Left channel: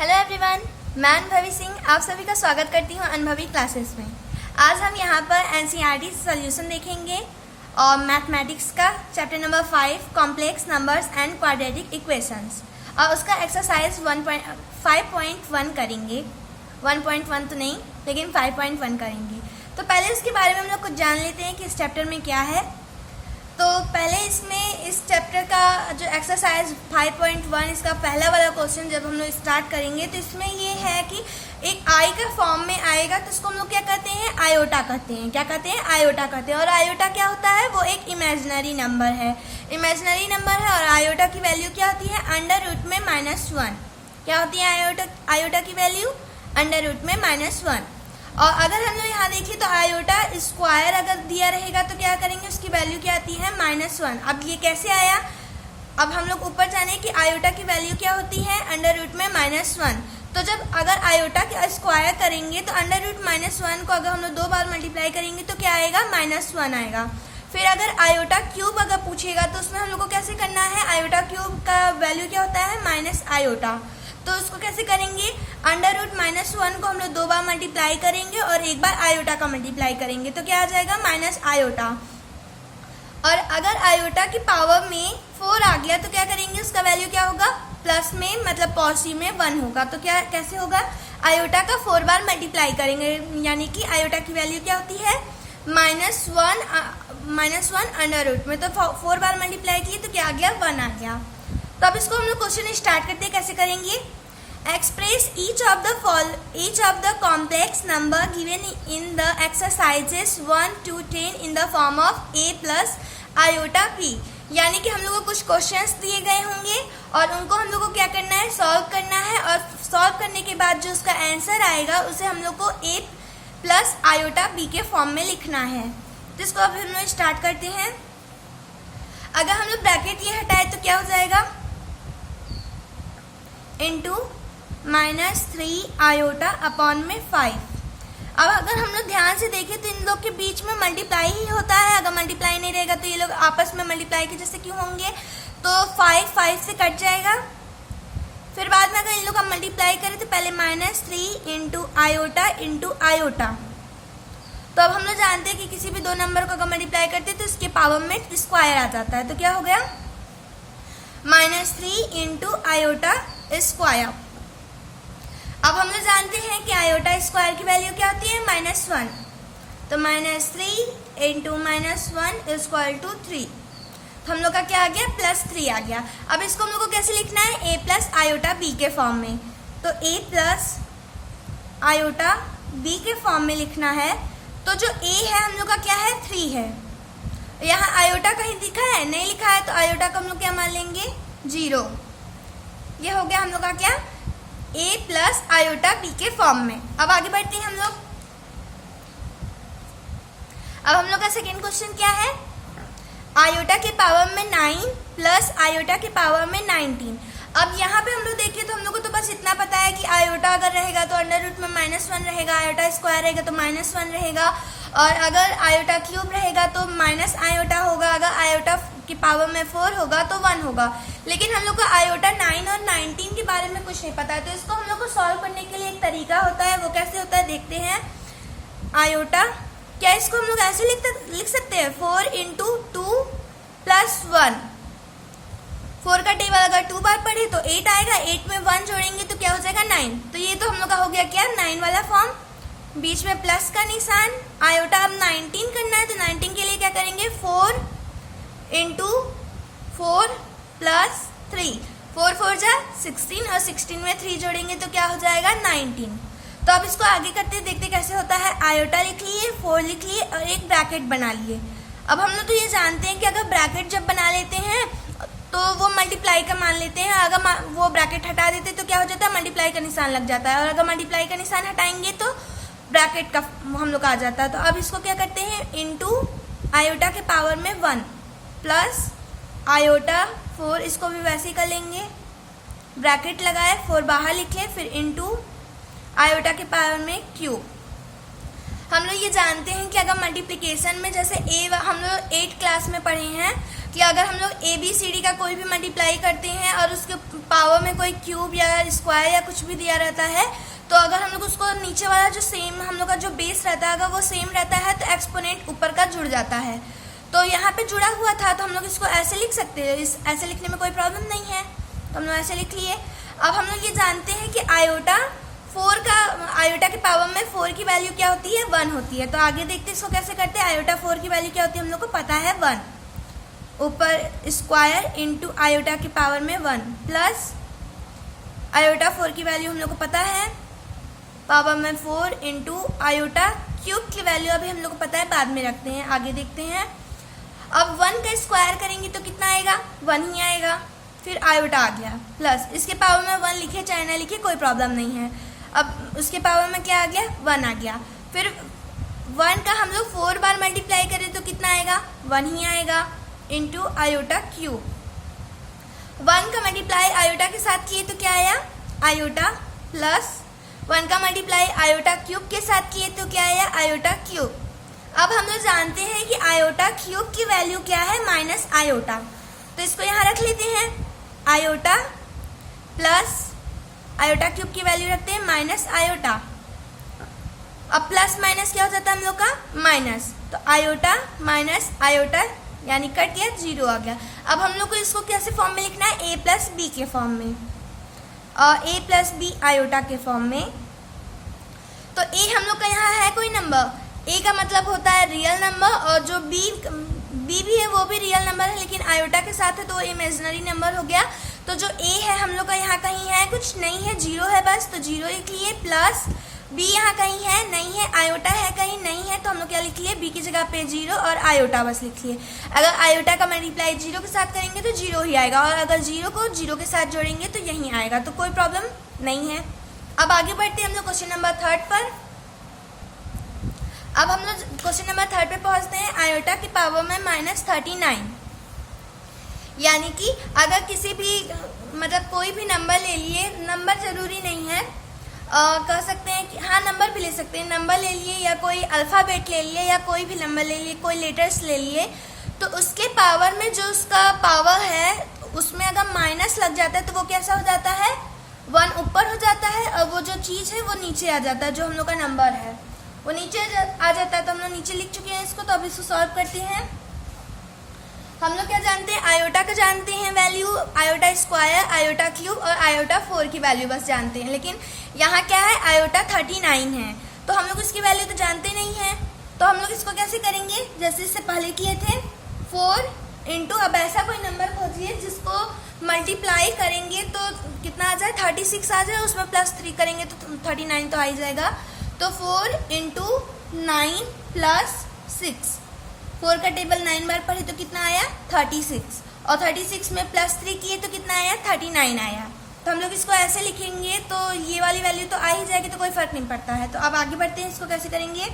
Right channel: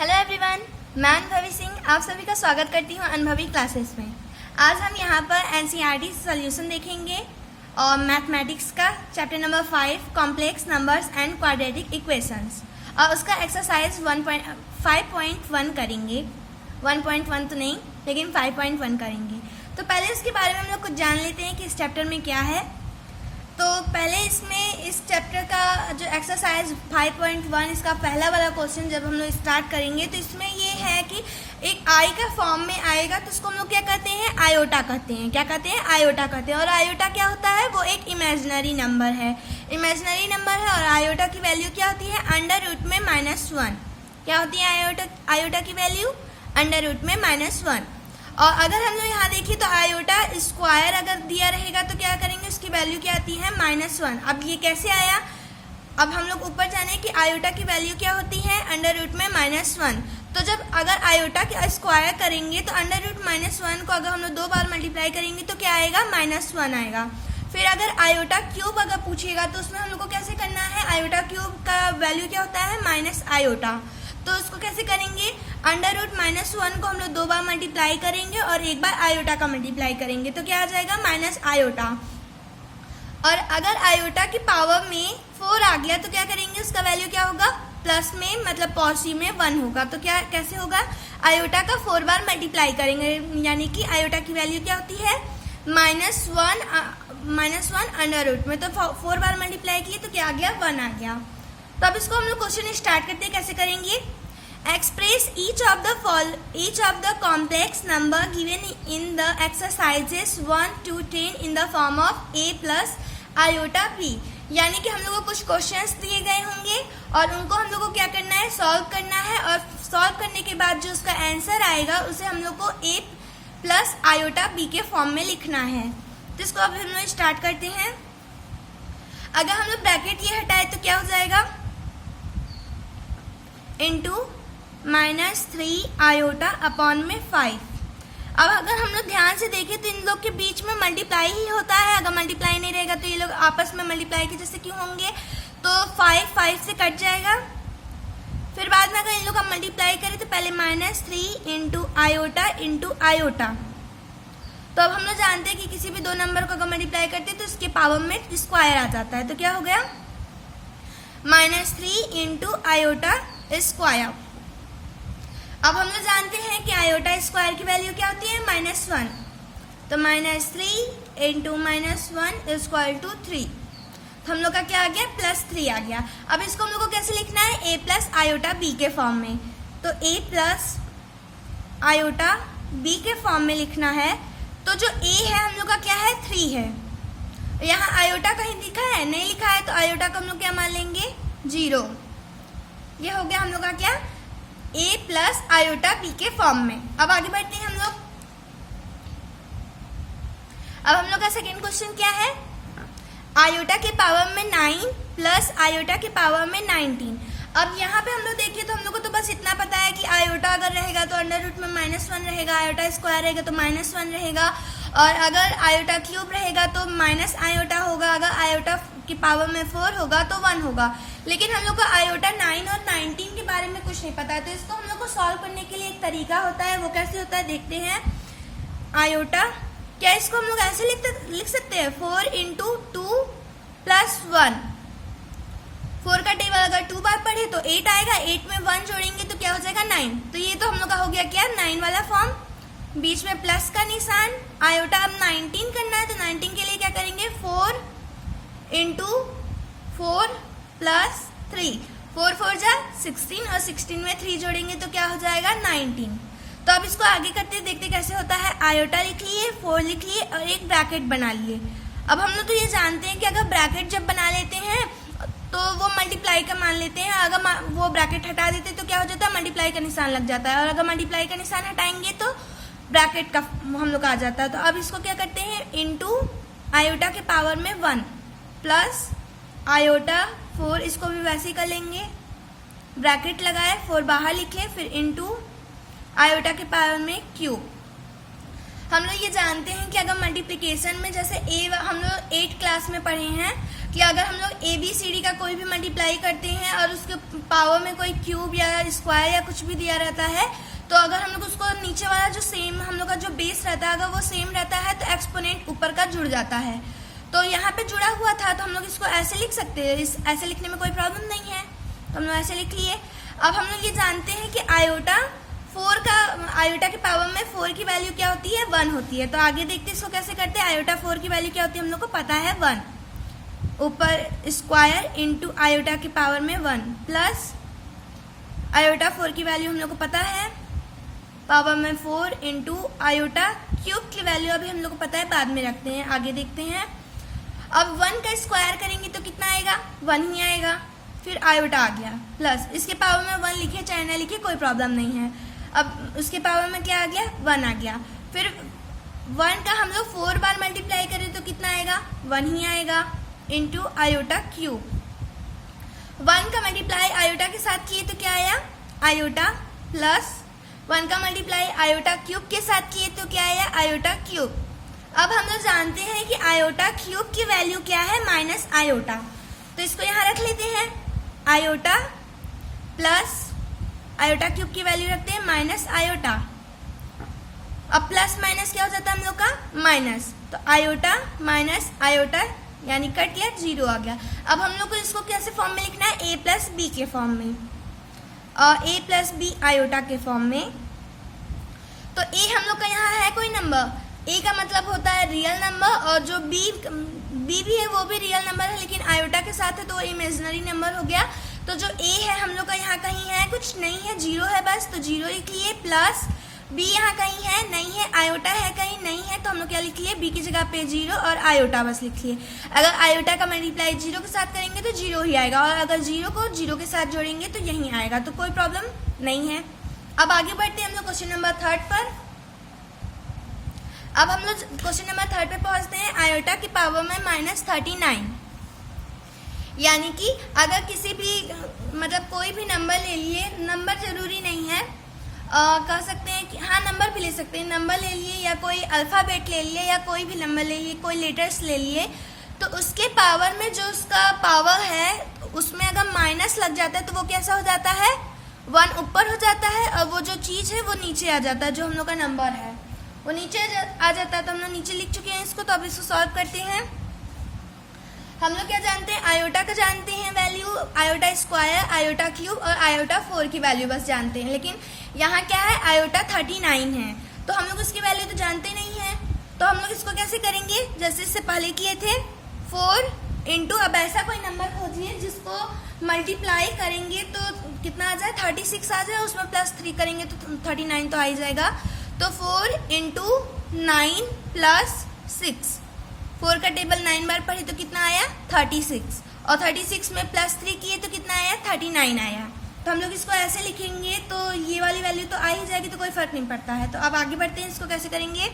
Hello everyone, मैं अनुभवी सिंह आप सभी का स्वागत करती हूँ अनुभवी क्लासेस में। आज हम यहाँ पर एनसीईआरटी सॉल्यूशन देखेंगे और मैथमेटिक्स का chapter number 5 complex numbers and quadratic equations और उसका एक्सरसाइज 5.1 करेंगे। 1.1 तो नहीं लेकिन 5.1 करेंगे। तो पहले इसके बारे में हम लोग कुछ जान लेते हैं कि इस चैप्टर में क्या है। तो पहले इस चैप्टर का जो एक्सरसाइज 5.1 इसका पहला वाला क्वेश्चन जब हम लोग स्टार्ट करेंगे तो इसमें ये है कि एक आई का फॉर्म में आएगा तो इसको हम लोग क्या कहते हैं, आयोटा कहते हैं। क्या कहते हैं? आयोटा कहते हैं। और आयोटा क्या होता है? वो एक इमेजिनरी नंबर है। इमेजिनरी नंबर है और आयोटा की वैल्यू क्या होती है? अंडर रूट में -1। क्या होती है आयोटा की वैल्यू? अंडर रूट में -1। और अगर हम लोग यहाँ देखिए तो आयोटा स्क्वायर अगर दिया रहेगा तो क्या करेंगे, उसकी वैल्यू क्या आती है? -1। अब ये कैसे आया? अब हम लोग ऊपर जाने कि आयोटा की वैल्यू क्या होती है? अंडर रूट में -1। तो जब अगर आयोटा के स्क्वायर करेंगे तो अंडर रूट -1 को अगर हम लोग 2 बार मल्टीप्लाई करेंगे तो क्या आएगा? -1 आएगा। फिर अगर आयोटा क्यूब अगर पूछेगा तो उसमें हम लोग को कैसे करना है? आयोटा क्यूब का वैल्यू क्या होता है? Minus iota. तो उसको कैसे करेंगे? अंडर रूट -1 को हम लोग 2 बार मल्टीप्लाई करेंगे और एक बार आयोटा का मल्टीप्लाई करेंगे तो क्या आ जाएगा? Minus iota. और अगर आयोटा की पावर में 4 आ गया तो क्या करेंगे? उसका वैल्यू क्या होगा? प्लस में मतलब पॉजिटिव में 1 होगा। तो क्या कैसे होगा? आयोटा का 4 बार मल्टीप्लाई करेंगे, यानी कि आयोटा की वैल्यू क्या होती है? -1 अंडर रूट में। तो 4 बार मल्टीप्लाई किए तो क्या आ गया? 1 आ गया। तो अब इसको हम लोग क्वेश्चन स्टार्ट करते हैं। कैसे करेंगे? Express each of the complex number given in the exercises 1 to 10 in the form of a plus iota p। यानी कि हम लोग को कुछ क्वेश्चंस दिए गए होंगे और उनको हम लोग को क्या करना है? सॉल्व करना है। और सॉल्व करने के बाद जो उसका आंसर आएगा उसे हम लोग को a प्लस आयोटा b के फॉर्म में लिखना है। तो इसको अब हम लोग स्टार्ट करते हैं। अगर हम लोग ब्रैकेट ये हटाए तो क्या हो जाएगा? इंटू -3 आयोटा अपॉन में 5। अब अगर हम लोग ध्यान से देखें तो इन लोग के बीच में मल्टीप्लाई ही होता है। अगर मल्टीप्लाई नहीं रहेगा तो ये लोग आपस में मल्टीप्लाई के जैसे क्यों होंगे? तो 5 से कट जाएगा। फिर बाद में अगर इन लोग का मल्टीप्लाई करें तो पहले -3 इंटू आयोटा। तो अब हम लोग जानते हैं कि किसी भी 2 नंबर को अगर मल्टीप्लाई करते हैं तो इसके पावर में स्क्वायर आ जाता है। तो क्या हो गया? -3 इंटू आयोटा स्क्वायर। अब हम लोग जानते हैं कि आयोटा स्क्वायर की वैल्यू क्या होती है? -1। तो -3 इंटू -1 इक्वल टू 3। हम लोग का क्या आ गया? +3 आ गया। अब इसको हम लोग को कैसे लिखना है? a प्लस आयोटा b के फॉर्म में। तो a प्लस आयोटा b के फॉर्म में लिखना है। तो जो a है हम लोग का क्या है? 3 है। यहाँ आयोटा कहीं लिखा है? नहीं लिखा है। तो आयोटा को हम लोग क्या मान लेंगे? 0। ये हो गया हम लोग का क्या? a प्लस आयोटा b के फॉर्म में। अब आगे बढ़ते हैं हम लोग। अब हम लोग का सेकेंड क्वेश्चन क्या है? आयोटा के पावर में 9 प्लस आयोटा के पावर में 19। अब यहाँ पे हम लोग देखिए तो हम लोग को तो बस इतना पता है कि आयोटा अगर रहेगा तो अंडर रूट में -1 रहेगा, आयोटा स्क्वायर रहेगा तो -1 रहेगा, और अगर आयोटा क्यूब रहेगा तो माइनस आयोटा होगा, अगर आयोटा की पावर में 4 होगा तो 1 होगा। लेकिन हम लोग को आयोटा 9 और 19 के बारे में कुछ नहीं पता है। तो इसको हम लोग को सॉल्व करने के लिए एक तरीका होता है। वो कैसे होता है देखते हैं। आयोटा क्या इसको हम लोग ऐसे लिख सकते हैं? 4 इंटू 2 प्लस 1। 4 का टेबल अगर 2 बार पढ़े तो 8 आएगा। 8 में 1 जोड़ेंगे तो क्या हो जाएगा? 9। तो ये तो हम लोग का हो गया क्या? 9 वाला फॉर्म। बीच में प्लस का निशान। आयोटा अब 19 करना है तो 19 के लिए क्या करेंगे? 4 इंटू 4 प्लस 3। 4 4 जा 16 और 16 में 3 जोड़ेंगे तो क्या हो जाएगा? 19। तो अब इसको आगे करते देखते कैसे होता है। आयोटा लिख लिए, 4 लिख लिए और एक ब्रैकेट बना लिए। अब हम लोग तो ये जानते हैं कि अगर ब्रैकेट जब बना लेते हैं तो वो मल्टीप्लाई का मान लेते हैं। अगर वो ब्रैकेट हटा देते तो क्या हो जाता है? मल्टीप्लाई का निशान लग जाता है। और अगर मल्टीप्लाई का निशान हटाएंगे तो ब्रैकेट का हम लोग आ जाता है। तो अब इसको क्या करते हैं? इंटू आयोटा के पावर में 1 प्लस आयोटा 4, इसको भी वैसे ही कर लेंगे। ब्रैकेट लगाए, 4 बाहर लिखे, फिर इंटू आयोटा के पावर में क्यूब। हम लोग ये जानते हैं कि अगर मल्टीप्लिकेशन में जैसे हम लोग 8 क्लास में पढ़े हैं कि अगर हम लोग ABCD का कोई भी मल्टीप्लाई करते हैं और उसके पावर में कोई क्यूब या स्क्वायर या कुछ भी दिया रहता है, तो अगर हम लोग उसको नीचे वाला जो सेम हम लोग का जो बेस रहता है अगर वो सेम रहता है तो एक्सपोनेंट ऊपर का जुड़ जाता है। तो यहाँ पे जुड़ा हुआ था तो हम लोग इसको ऐसे लिख सकते हैं, ऐसे लिखने में कोई प्रॉब्लम नहीं है, तो हम लोग ऐसे लिख लिए। अब हम लोग ये जानते हैं कि आयोटा के पावर में 4 की वैल्यू क्या होती है, 1 होती है। तो आगे देखते हैं इसको कैसे करते हैं। आयोटा 4 की वैल्यू क्या होती है हम लोग को पता है 1, ऊपर स्क्वायर इंटू आयोटा के पावर में 1 प्लस आयोटा 4 की वैल्यू हम लोग को पता है पावर में 4 इंटू आयोटा क्यूब की वैल्यू अभी हम लोग को पता है, बाद में रखते हैं, आगे देखते हैं। अब 1 का स्क्वायर करेंगे तो कितना आएगा, 1 ही आएगा। फिर आयोटा आ गया प्लस इसके पावर में 1 लिखे चाहे ना लिखे कोई प्रॉब्लम नहीं है। अब उसके पावर में क्या आ गया, 1 आ गया। फिर 1 का हम लोग 4 बार मल्टीप्लाई करें तो कितना आएगा, 1 ही आएगा इंटू आयोटा क्यूब। 1 का मल्टीप्लाई आयोटा के साथ किए तो क्या आया, आयोटा प्लस 1 का मल्टीप्लाई आयोटा क्यूब के साथ किए तो क्या आया, आयोटा क्यूब। अब हम लोग जानते हैं कि आयोटा क्यूब की वैल्यू क्या है, माइनस आयोटा, तो इसको यहाँ रख लेते हैं। आयोटा प्लस आयोटा क्यूब की वैल्यू रखते हैं माइनस आयोटा। अब प्लस माइनस क्या हो जाता है हम लोग का, माइनस, तो आयोटा माइनस आयोटा यानी कट गया, 0 आ गया। अब हम लोग को इसको कैसे फॉर्म में लिखना है, a प्लस बी के फॉर्म में, और a प्लस बी आयोटा के फॉर्म में। तो a हम लोग का यहाँ है कोई नंबर, a का मतलब होता है रियल नंबर, और जो b भी है वो भी रियल नंबर है लेकिन आयोटा के साथ है तो वो इमेजिनरी नंबर हो गया। तो जो a है हम लोग का यहाँ कहीं है, कुछ नहीं है, 0 है बस, तो 0 लिख लिए, प्लस b यहाँ कहीं है, नहीं है, आयोटा है कहीं, नहीं है, तो हम लोग क्या लिख लिए, b की जगह पे 0 और आयोटा बस लिख लिए। अगर आयोटा का मल्टीप्लाई 0 के साथ करेंगे तो 0 ही आएगा, और अगर 0 को 0 के साथ जोड़ेंगे तो यही आएगा, तो कोई प्रॉब्लम नहीं है। अब आगे बढ़ते हैं हम लोग क्वेश्चन नंबर 3 पर। अब हम लोग क्वेश्चन नंबर 3 पे पहुंचते हैं। आयोटा की पावर में -39, यानी कि अगर किसी भी मतलब कोई भी नंबर ले लिए, नंबर जरूरी नहीं है, कह सकते हैं कि हाँ नंबर भी ले सकते हैं, नंबर ले लिए या कोई अल्फाबेट ले लिए या कोई भी नंबर ले लिए, कोई लेटर्स ले लिए, तो उसके पावर में जो उसका पावर है उसमें अगर माइनस लग जाता है तो वो कैसा हो जाता है, 1 ऊपर हो जाता है और वो जो चीज है वो नीचे आ जाता है, जो हम लोग का नंबर है वो नीचे आ जाता है। तो हम लोग नीचे लिख चुके हैं इसको, तो अब इसको सॉल्व करते हैं। हम लोग क्या जानते हैं, आयोटा का जानते हैं value, iota square, iota cube और आयोटा 4 की वैल्यू बस जानते हैं, लेकिन यहाँ क्या है, आयोटा 39 है, तो हम लोग इसकी वैल्यू तो जानते नहीं है। तो हम लोग इसको कैसे करेंगे, जैसे इससे पहले किए थे, 4 इंटू, अब ऐसा कोई नंबर खोजिए जिसको मल्टीप्लाई करेंगे तो कितना आ जाए, 36 आ जाए, उसमें +3 करेंगे तो 39 तो आ ही जाएगा। तो 4 इंटू 9 प्लस 6, 4 का टेबल 9 बार पढ़ी तो कितना आया, 36, और 36 में +3 किए तो कितना आया, 39 आया। तो हम लोग इसको ऐसे लिखेंगे तो ये वाली वैल्यू तो आ ही जाएगी, तो कोई फर्क नहीं पड़ता है। तो अब आगे बढ़ते हैं, इसको कैसे करेंगे।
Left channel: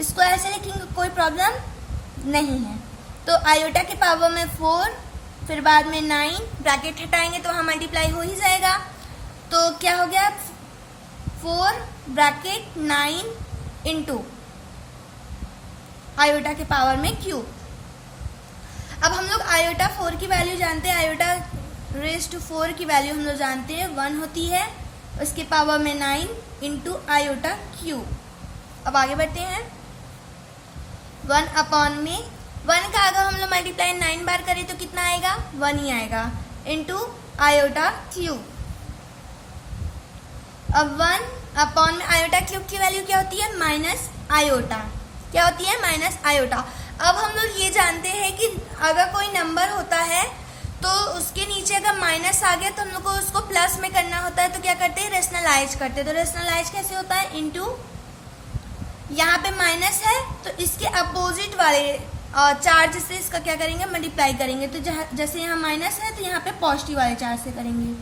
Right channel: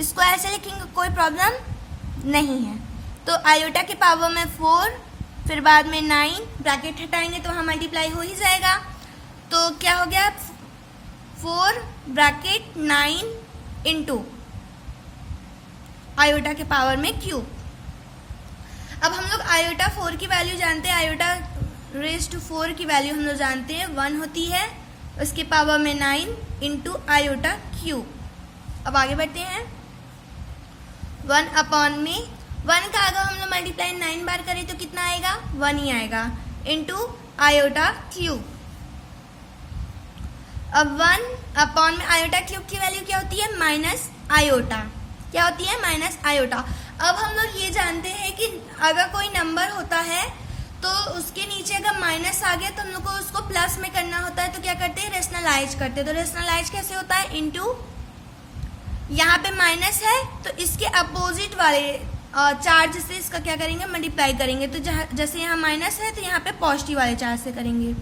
इसको ऐसे लिखेंगे, कोई प्रॉब्लम नहीं है। तो आयोटा के पावर में 4, फिर बाद में 9, ब्रैकेट हटाएंगे तो वहां मल्टीप्लाई हो ही जाएगा, तो क्या हो गया, 4 ब्रैकेट 9 इंटू आयोटा के पावर में क्यूब। अब हम लोग आयोटा 4 की वैल्यू जानते हैं, आयोटा रेज़ टू 4 की वैल्यू हम लोग जानते हैं 1 होती है, उसके पावर में 9 इंटू आयोटा क्यूब। अब आगे बढ़ते हैं, 1 अपॉन में 1 का अगर हम लोग मल्टीप्लाई 9 बार करें तो कितना आएगा, 1 ही आएगा, इंटू आयोटा क्यूब। अब 1 अपॉन में आयोटा क्यूब की वैल्यू क्या होती है, माइनस आयोटा, क्या होती है, माइनस आयोटा। अब हम लोग ये जानते हैं कि अगर कोई नंबर होता है तो उसके नीचे अगर माइनस आ गया तो हम लोग को उसको प्लस में करना होता है, तो क्या करते हैं, रेशनलाइज करते हैं। तो रेशनलाइज कैसे होता है, इंटू, यहाँ पे माइनस है तो इसके अपोजिट वाले चार्ज से इसका क्या करेंगे, मल्टीप्लाई करेंगे। तो जैसे यहाँ माइनस है तो यहाँ पे पॉजिटिव वाले चार्ज से करेंगे,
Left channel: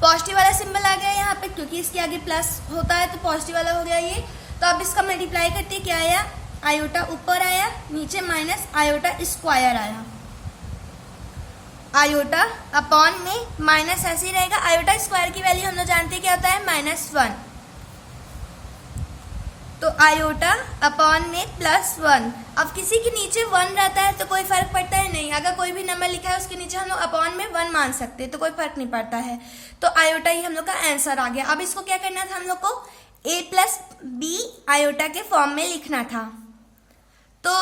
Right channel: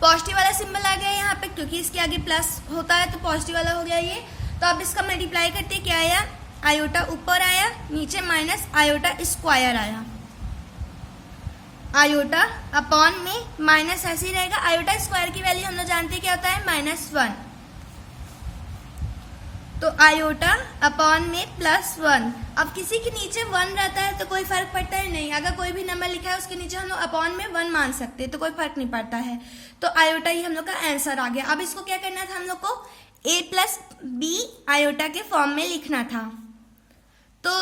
पॉजिटिव वाला सिंबल आ गया यहाँ पे, क्योंकि इसके आगे प्लस होता है तो पॉजिटिव वाला हो गया ये। तो अब इसका मल्टीप्लाई करते क्या आया, आयोटा ऊपर आया, नीचे माइनस आयोटा स्क्वायर आया। आयोटा अपॉन में माइनस ऐसे ही रहेगा। आयोटा स्क्वायर की वैल्यू हम लोग जानते हैं क्या होता है, -1। तो आयोटा अपॉन में +1। अब किसी के नीचे 1 रहता है तो कोई फर्क पड़ता है नहीं, अगर कोई भी नंबर लिखा है उसके नीचे हम लोग अपॉन में 1 मान सकते हैं तो कोई फर्क नहीं पड़ता है। तो आयोटा ही हम लोग का आंसर आ गया। अब इसको क्या करना था, हम लोग को a+b आयोटा के फॉर्म में लिखना था। तो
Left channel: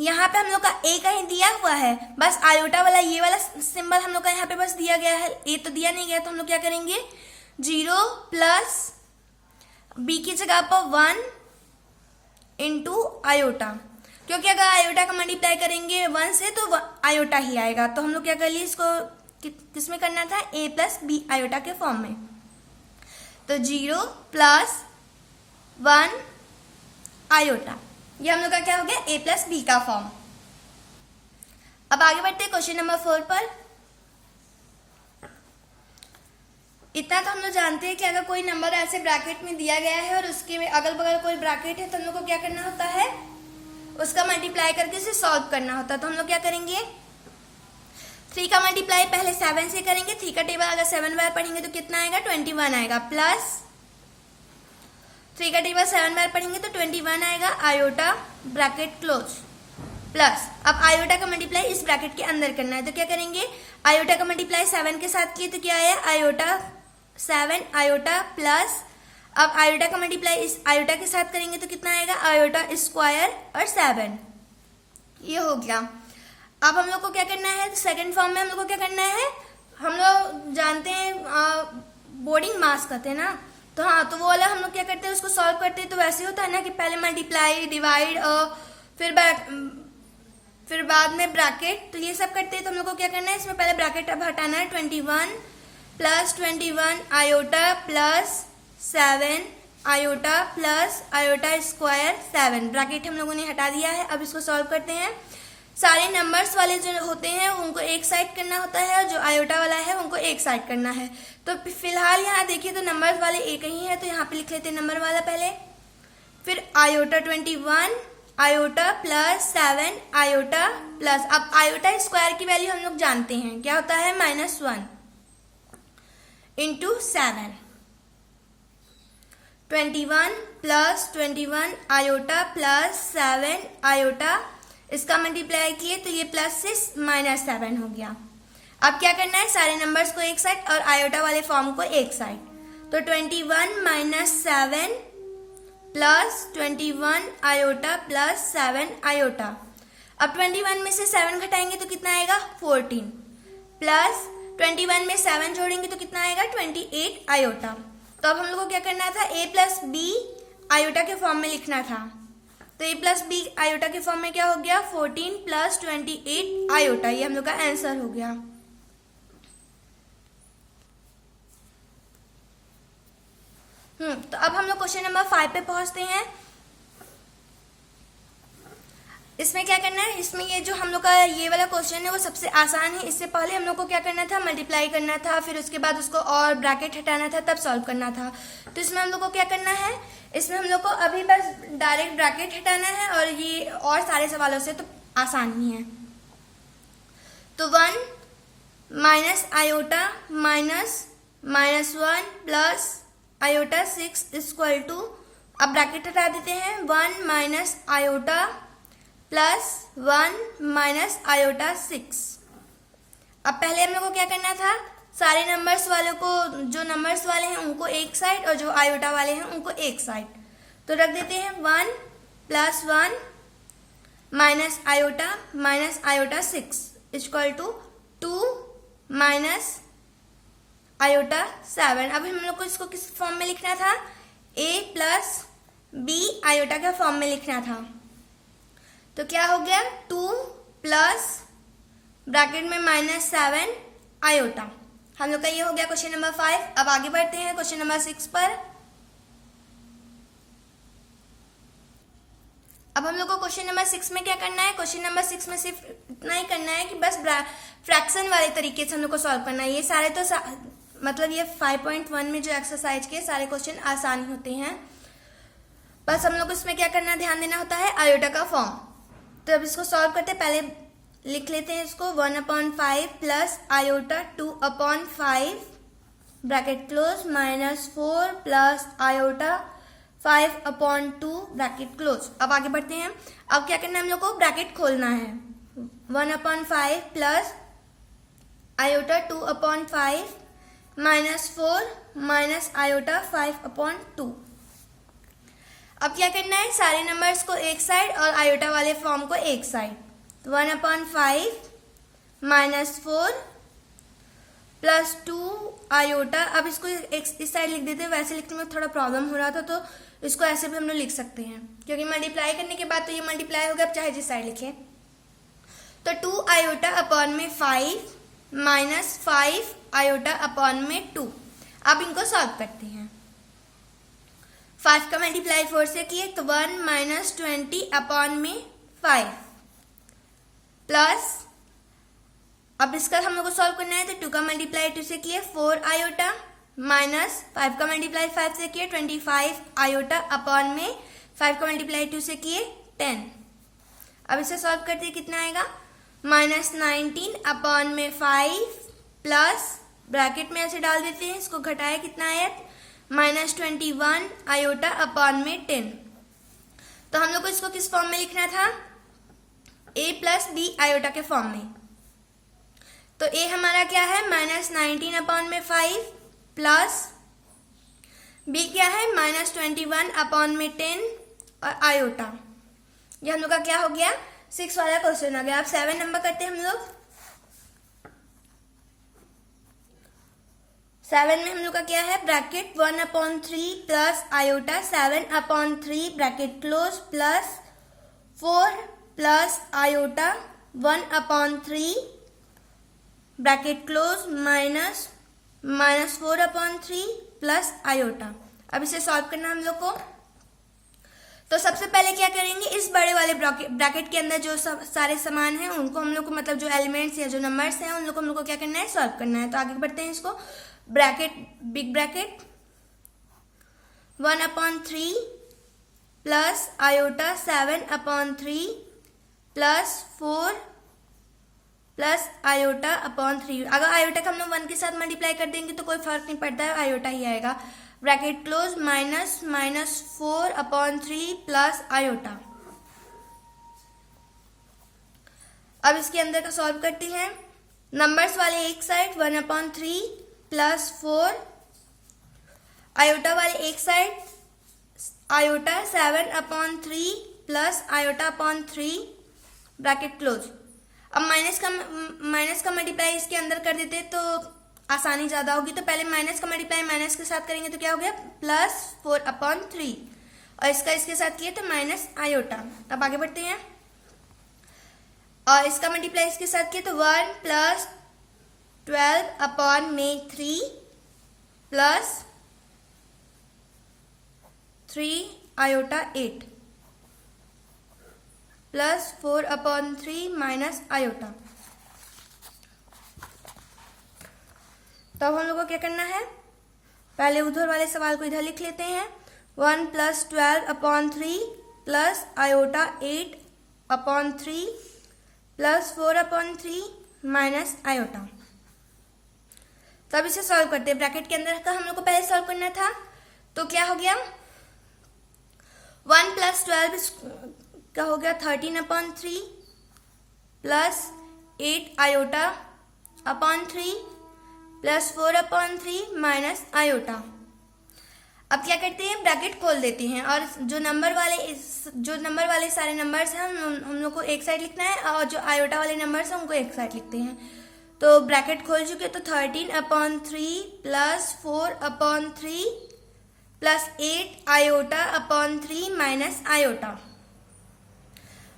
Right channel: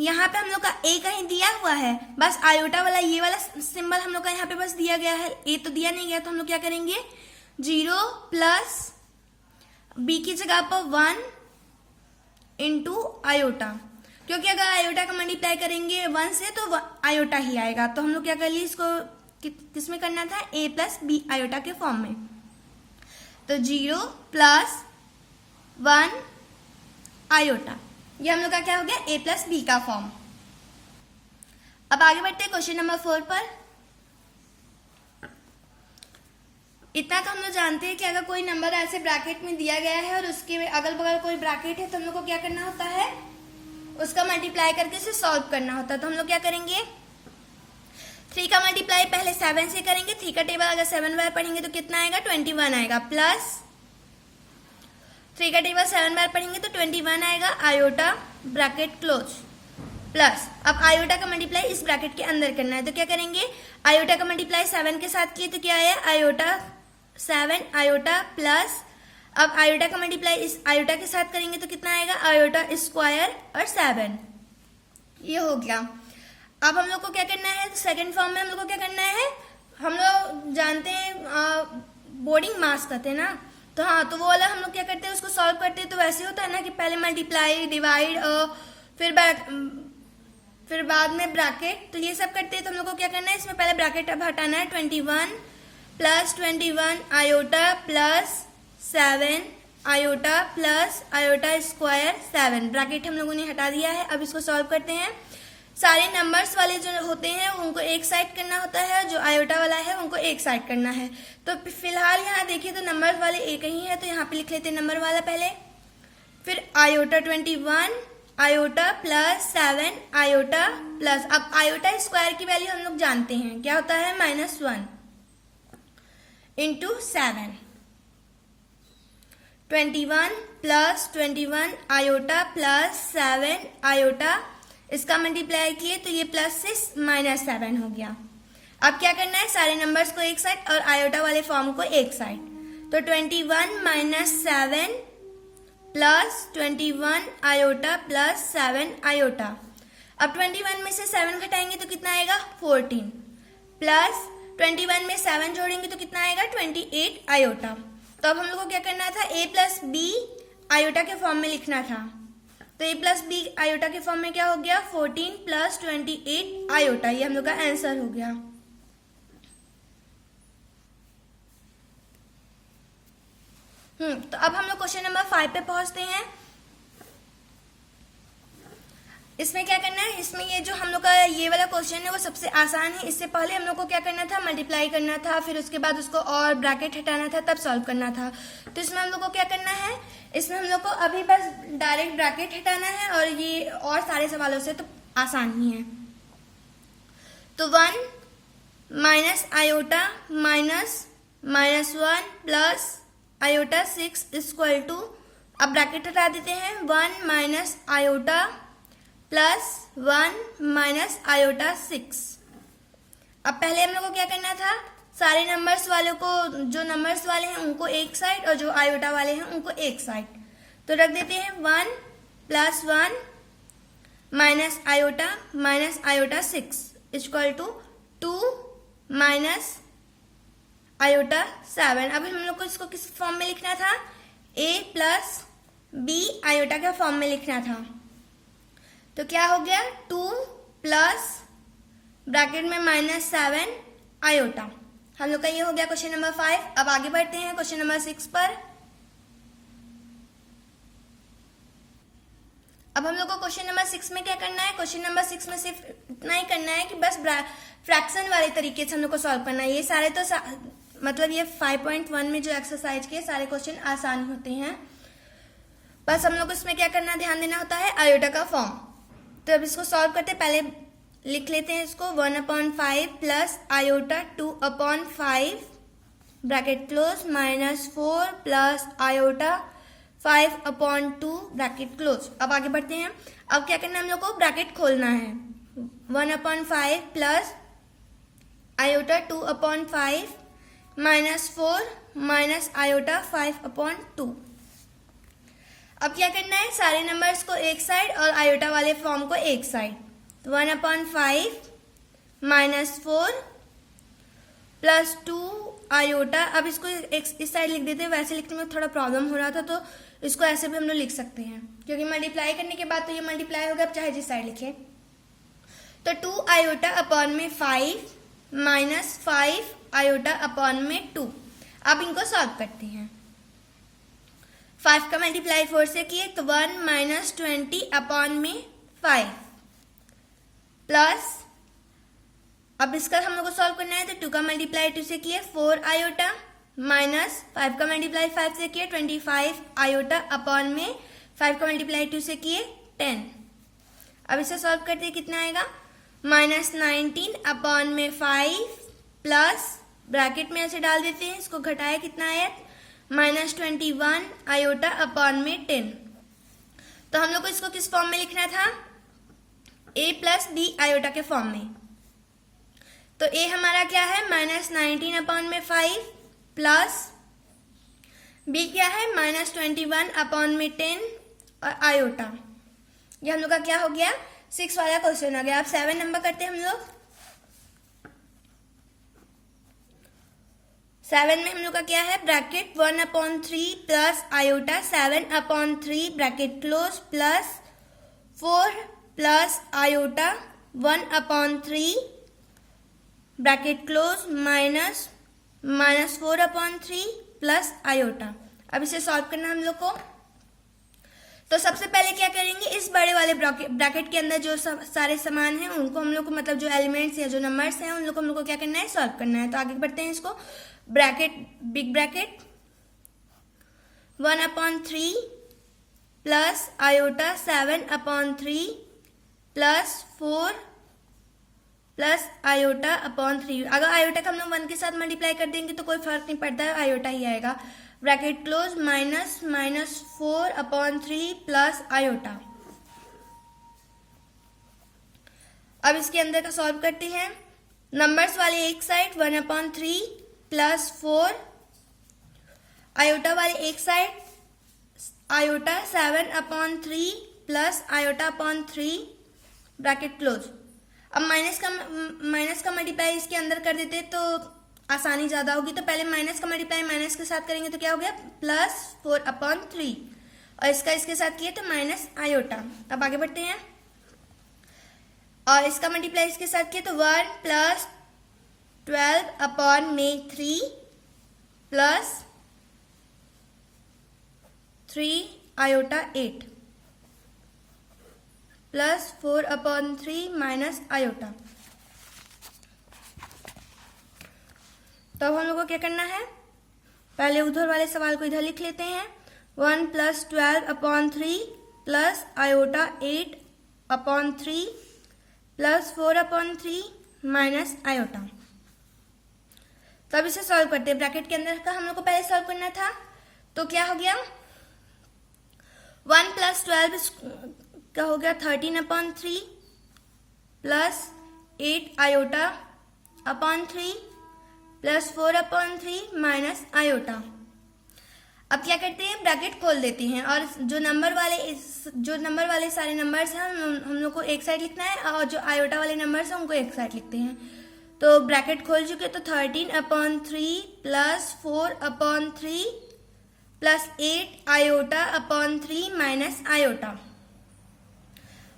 यहाँ पे हम लोग का a कहीं दिया हुआ है, बस आयोटा वाला ये वाला सिंबल हम लोग का यहाँ पे बस दिया गया है, a तो दिया नहीं गया। तो हम लोग क्या करेंगे, 0 प्लस b की जगह पर 1 इंटू आयोटा, क्योंकि अगर आयोटा का मल्टीप्लाई करेंगे 1 से तो आयोटा ही आएगा। तो हम लोग क्या कर लिए, इसको किसमें करना था, a+b आयोटा के फॉर्म में। तो 0 प्लस 1 आयोटा, ये हम लोग का क्या हो गया, a+b का फॉर्म। अब आगे बढ़ते हैं क्वेश्चन नंबर 4 पर। इतना तो हम लोग जानते हैं कि अगर कोई नंबर ऐसे ब्रैकेट में दिया गया है और उसके अगल बगल कोई ब्रैकेट है तो हम लोग को क्या करना होता है, उसका मल्टीप्लाई करके इसे सॉल्व करना होता है। तो हम लोग क्या करेंगे, 3 का मल्टीप्लाई पहले 7 से करेंगे। 3 का टेबल अगर 7 बार पढ़ेंगे तो कितना आएगा, 21 आएगा। प्लस 3 का टेबल 7 बार पढ़ेंगे तो 21 आएगा, आयोटा ब्रैकेट क्लोज। प्लस अब आयोटा का मल्टीप्लाई इस ब्रैकेट के अंदर करना है। तो क्या करेंगे, आयोटा का मल्टीप्लाई 7 के साथ किए तो क्या आया, आयोटा 7 आयोटा प्लस अब आयोटा का मल्टीप्लाई इस आयोटा के साथ करेंगे तो कितना आएगा, आयोटा स्क्वायर और 7। ये हो गया। अब हम लोग को क्या करना है, सेकंड फॉर्म में हम लोग को क्या करना है, हम लोग जानते हैं बोर्डिंग मास कहते हैं ना, तो हाँ, तो वो वाला हम लोग क्या करते हैं, उसको सॉल्व करते हैं तो वैसे होता है ना कि पहले मल्टीप्लाई डिवाइड और फिर बाद में ब्रैकेट, तो ये सब करते हैं। तो हम लोग को क्या करना है, इसमें पहले ब्रैकेट अब हटाना है। 21 plus 21 iota plus 7 iota plus iota square 7, bracket हम लोगों ने हटा दिया है। अब इसको सॉल्व करते हैं। सारे नंबर्स वाले जो होते हैं उनको एक साइड करना होता है, और जो आयोटा वाला है उनको एक साइड करना है। तो फिलहाल यहाँ देखिए तो नंबर्स वाले एक ही है, तो यहाँ पे लिख लेते हैं नंबर वाला पहले, फिर iota 21 iota plus 7 iota plus, अब आयोटा स्क्वायर की वैल्यू हम लोग जानते हैं क्या होता है, -1 into 7। 21 plus 21 iota plus 7 iota, इसका मल्टीप्लाई किए तो ये प्लस से -7 हो गया। अब क्या करना है, सारे नंबर्स को एक साइड और आयोटा वाले फॉर्म को एक साइड। तो 21 minus 7 plus 21 iota plus 7 iota. अब 21 में से 7 घटाएंगे तो कितना आएगा, 14 प्लस 21 में 7 जोड़ेंगे तो कितना आएगा, 28 आयोटा। तो अब हम लोग को क्या करना था, a+b आयोटा के फॉर्म में लिखना था। तो a+b आयोटा के फॉर्म में क्या हो गया, 14 प्लस 28 आयोटा, ये हम लोग का आंसर हो गया। तो अब हम लोग क्वेश्चन नंबर 5 पे पहुंचते हैं। इसमें क्या करना है, इसमें ये जो हम लोग का ये वाला क्वेश्चन है वो सबसे आसान है। इससे पहले हम लोग को क्या करना था, मल्टीप्लाई करना था, फिर उसके बाद उसको और ब्रैकेट हटाना था, तब सॉल्व करना था। तो इसमें हम लोग को क्या करना है, इसमें हम लोग को अभी बस डायरेक्ट ब्रैकेट हटाना है, और ये और सारे सवालों से तो आसान ही है। तो 1 minus iota minus -1 plus iota 6 equal to, अब ब्रैकेट हटा देते हैं, 1 minus iota plus 1 minus iota 6। अब पहले हम लोग को क्या करना था, सारे नंबर्स वालों को, जो नंबर्स वाले हैं उनको एक साइड और जो आयोटा वाले हैं उनको एक साइड। तो रख देते हैं 1 plus 1 minus iota 6 equal to 2 minus iota 7। अब हम लोग को इसको किस फॉर्म में लिखना था, a+b आयोटा के फॉर्म में लिखना था। तो क्या हो गया, 2 प्लस ब्रैकेट में -7 आयोटा। हम लोग का ये हो गया क्वेश्चन नंबर 5। अब आगे बढ़ते हैं क्वेश्चन नंबर 6 पर। अब हम लोग को क्वेश्चन नंबर 6 में क्या करना है, क्वेश्चन नंबर 6 में सिर्फ इतना ही करना है कि बस फ्रैक्शन वाले तरीके से हम लोग को सॉल्व करना है। ये सारे तो मतलब ये 5.1 में जो एक्सरसाइज के सारे क्वेश्चन आसान होते हैं, बस हम लोग को इसमें क्या करना, ध्यान देना होता है आयोटा का फॉर्म। तो अब इसको सॉल्व करते, पहले लिख लेते हैं इसको 1/5 plus iota 2/5 bracket close minus 4 plus iota 5/2 bracket close. अब आगे बढ़ते हैं। अब क्या करना है, हम लोग को ब्रैकेट खोलना है। 1/5 plus iota 2/5 minus 4 minus iota 5/2। अब क्या करना है, सारे नंबर्स को एक साइड और आयोटा वाले फॉर्म को एक साइड। 1/5 minus 4 plus 2 iota. अब इसको इस साइड लिख देते हैं, वैसे लिखने में थोड़ा प्रॉब्लम हो रहा था तो इसको ऐसे भी हम लोग लिख सकते हैं, क्योंकि मल्टीप्लाई करने के बाद तो ये मल्टीप्लाई होगा, अब चाहे जिस साइड लिखे। तो 2 आयोटा अपॉन में 5 माइनस 5 आयोटा अपॉन में 2। अब इनको सॉल्व करते हैं। 5 का मल्टीप्लाई 4 से किए तो 1 माइनस 20 अपॉन में 5 प्लस, अब इसका हम लोग को सॉल्व करना है तो 2 का मल्टीप्लाई 2 से किए 4 आयोटा माइनस 5 का मल्टीप्लाई 5 से किए 25 आयोटा अपॉन में 5 का मल्टीप्लाई 2 से किए 10। अब इसे सॉल्व करते हैं, कितना आएगा, माइनस 19 अपॉन में 5 प्लस ब्रैकेट में ऐसे डाल देते हैं, इसको घटाए कितना आया, माइनस 21 आयोटा अपॉन में 10। तो हम लोग को इसको किस फॉर्म में लिखना था, a प्लस बी आयोटा के फॉर्म में। तो a हमारा क्या है, माइनस 19 अपॉन में 5 प्लस b क्या है, माइनस 21 अपॉन में 10 और आयोटा। ये हम लोग का क्या हो गया, 6 वाला क्वेश्चन हो गया। अब 7 नंबर करते हैं हम लोग। 7 में हम लोग का क्या है, bracket 1/3 plus iota 7/3 bracket close plus 4 plus iota 1/3 bracket close minus 4/3 plus iota. अब इसे सॉल्व करना हम लोग को। तो सबसे पहले क्या करेंगे, इस बड़े वाले ब्रैकेट के अंदर जो सारे सामान हैं उनको हम लोग को, मतलब जो एलिमेंट्स या जो नंबर्स हैं उन लोग को हम लोग को क्या करना है, सॉल्व करना है। तो आगे बढ़ते हैं। इसको bracket, big bracket 1/3 plus iota 7/3 plus 4 plus iota upon 3। अगर आयोटा का हम लोग 1 के साथ मल्टीप्लाई कर देंगे तो कोई फर्क नहीं पड़ता है, आयोटा ही आएगा। Bracket close minus 4/3 plus iota. अब इसके अंदर का सॉल्व करते हैं। नंबर्स वाले एक साइड 1/3 प्लस 4, आयोटा वाले एक side iota 7/3 plus iota upon 3 bracket close. अब माइनस का मल्टीप्लाई इसके अंदर कर देते तो आसानी ज्यादा होगी। तो पहले माइनस का मल्टीप्लाई माइनस के साथ करेंगे तो क्या हो गया, प्लस 4/3 और इसका इसके साथ किए तो माइनस आयोटा। अब आगे बढ़ते हैं। और इसका मल्टीप्लाई इसके साथ किए तो 1 plus 12/3 plus 3 iota 8 plus 4/3 minus iota. तो अब हम लोग को क्या करना है, पहले उधर वाले सवाल को इधर लिख लेते हैं। 1 plus 12/3 plus iota 8/3 plus 4/3 minus iota. तो अब इसे सॉल्व करते हैं। ब्रैकेट के अंदर का हम लोग को पहले सॉल्व करना था, तो क्या हो गया, 1 प्लस 12 का हो गया 13/3 plus 8 iota upon 3 plus 4/3 minus iota. अब क्या करते हैं, ब्रैकेट खोल देते हैं और जो नंबर वाले सारे नंबर्स हैं हम लोग को एक साइड लिखना है और जो आयोटा वाले नंबर्स हैं उनको एक साइड लिखते हैं। तो ब्रैकेट खोल चुके तो 13/3 plus 4/3 plus 8 iota upon 3 minus iota.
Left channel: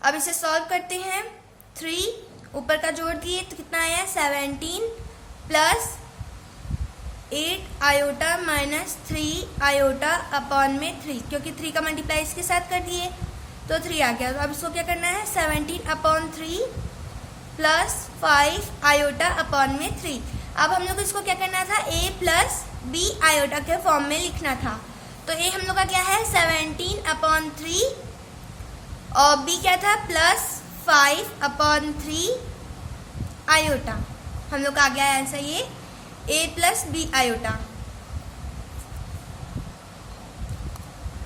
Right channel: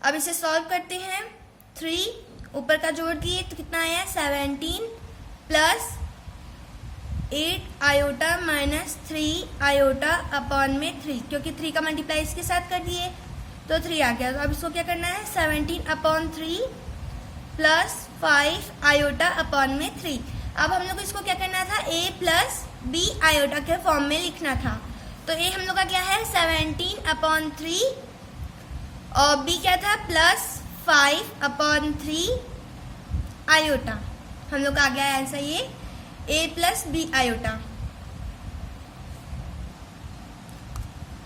अब इसे सॉल्व करते हैं। 3 ऊपर का जोड़ दिए तो कितना आया, 17 plus 8 iota minus 3 iota upon में 3, क्योंकि 3 का मल्टीप्लाई इसके साथ कर दिए तो 3 आ गया। तो अब इसको क्या करना है, 17/3 प्लस 5 आयोटा अपॉन में 3। अब हम लोग इसको क्या करना था, a प्लस बी आयोटा के फॉर्म में लिखना था। तो ए हम लोग का क्या है 17/3 और बी क्या था +5/3 आयोटा। हम लोग का आ गया है आंसर ये a + b आयोटा।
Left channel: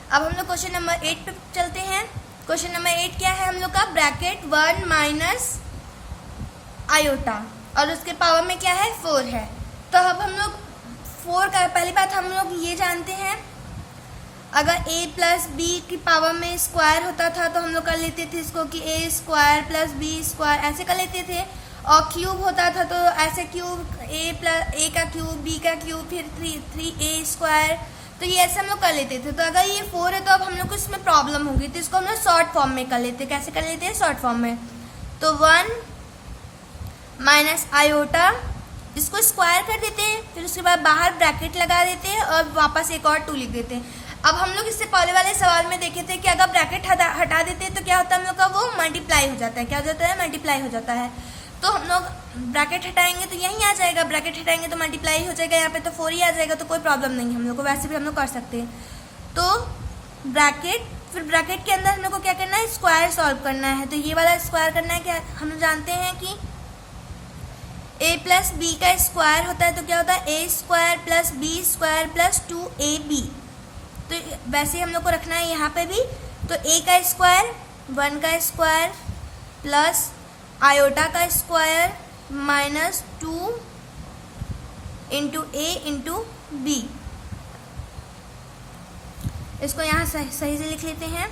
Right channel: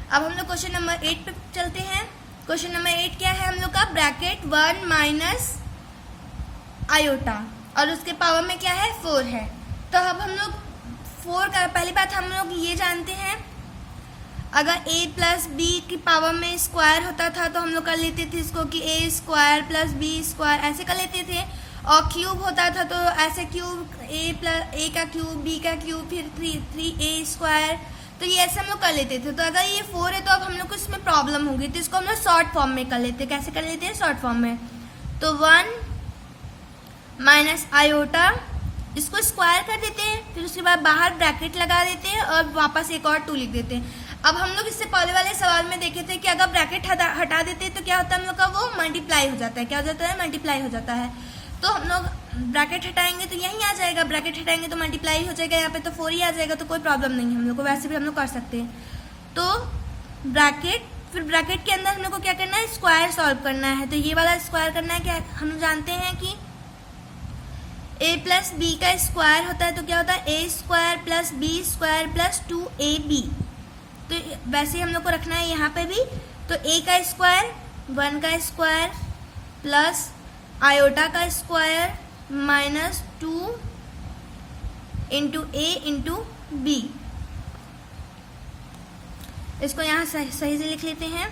अब हम लोग क्वेश्चन नंबर 8 पे चलते हैं। क्वेश्चन नंबर 8 क्या है हम लोग का ब्रैकेट 1 - आयोटा और उसके पावर में क्या है 4 है। तो अब हम लोग 4 का पहली बात हम लोग ये जानते हैं, अगर a + b की पावर में स्क्वायर होता था तो हम लोग कर लेते थे इसको कि a² + b² ऐसे कर लेते थे, और क्यूब होता था तो ऐसे क्यूब a का क्यूब b का क्यूब फिर 3a², तो ये ऐसे हम लोग कर लेते थे। तो अगर ये 4 है तो अब हम लोग को इसमें प्रॉब्लम होगी, तो इसको हम लोग शॉर्ट फॉर्म में कर लेते हैं। कैसे कर लेते हैं शॉर्ट फॉर्म में, तो 1 - आयोटा इसको स्क्वायर कर देते हैं, फिर उसके बाद बाहर ब्रैकेट लगा देते हैं और वापस एक और 2 लिख देते हैं। अब हम लोग इससे पहले वाले सवाल में देखे थे कि अगर ब्रैकेट हटा देते हैं तो क्या होता है हम लोग का वो मल्टीप्लाई हो जाता है। क्या हो जाता है मल्टीप्लाई हो जाता है। तो हम लोग ब्रैकेट हटाएंगे तो यही आ जाएगा, ब्रैकेट हटाएंगे तो मल्टीप्लाई हो जाएगा, यहाँ पे तो 4 ही आ जाएगा, तो कोई प्रॉब्लम नहीं है हम लोग को, वैसे भी हम लोग कर सकते हैं। तो ब्रैकेट, फिर ब्रैकेट के अंदर हम लोग को क्या करना है स्क्वायर सॉल्व करना है। तो ये वाला स्क्वायर करना है, क्या हम जानते हैं कि a + b का स्क्वायर होता है, तो क्या होता है a² + b² + 2ab। तो वैसे हम लोग को रखना है यहाँ पे भी, तो a का स्क्वायर 1 का स्क्वायर प्लस आयोटा का स्क्वायर -2 × a × b। इसको यहाँ सही से लिख लेते हैं,